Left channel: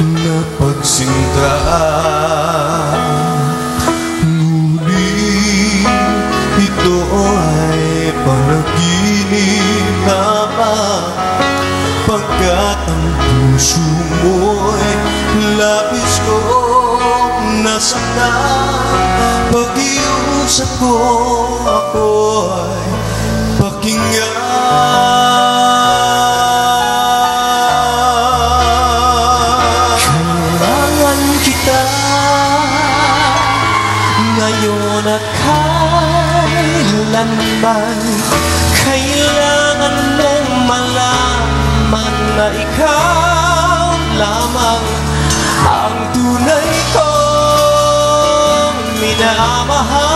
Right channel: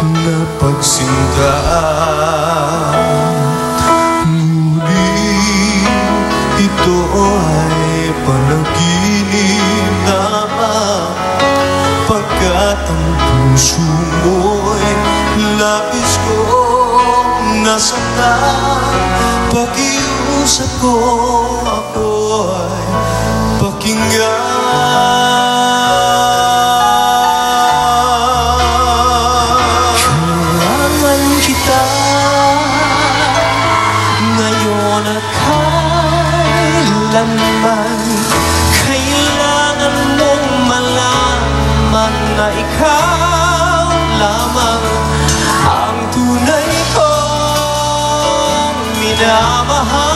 na pagsinta. Ngunit ito ay panaginip lamang, pagkat ang puso mo'y labis kong nasaktan. Pag-iusap ko ako'y pakinggan. Kailangan kita ngayon at kailanman. Kailangan mong malaman na ikaw lamang ang tunay kong minamahal,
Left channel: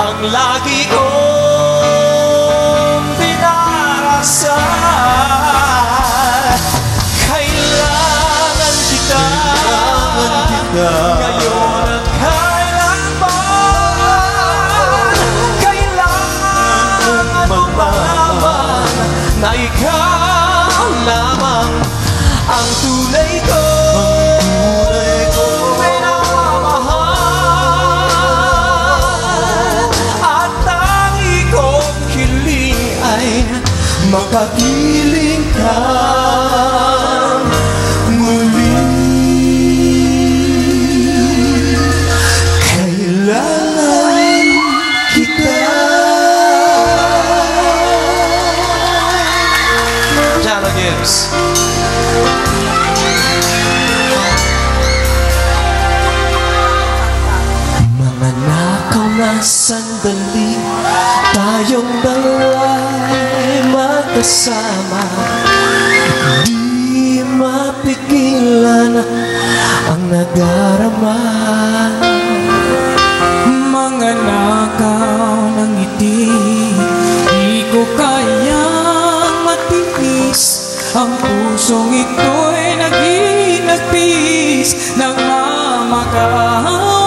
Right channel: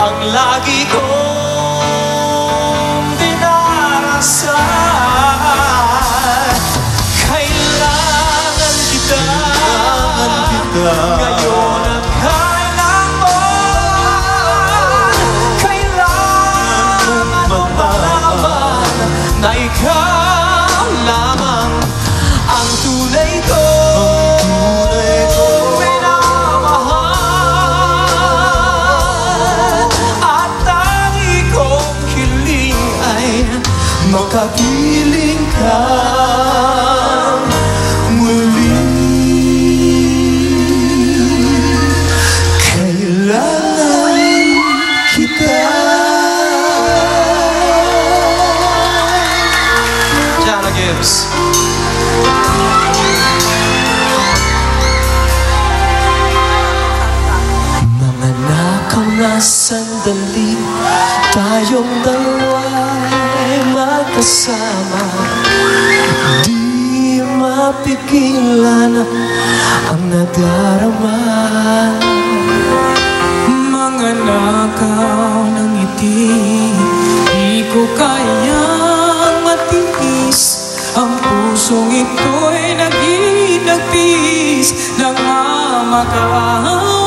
ang lagi kong dinarasal. Kailangan kita ngayon at kailanman. Kailangan mong malaman na ikaw lamang ang tunay kong minamahal, at tangi kong hiling ay makapiling ka muli. Kailangan kita. Jana Gibbs. Mga nakaw na sandali, tayong dalawa'y magkasama. Di mapigilan ang nadarama. Mga nakaw ng ngiti, di ko kayang matiis. Ang pusong ito'y nagiging nagtiis ng mamakaw.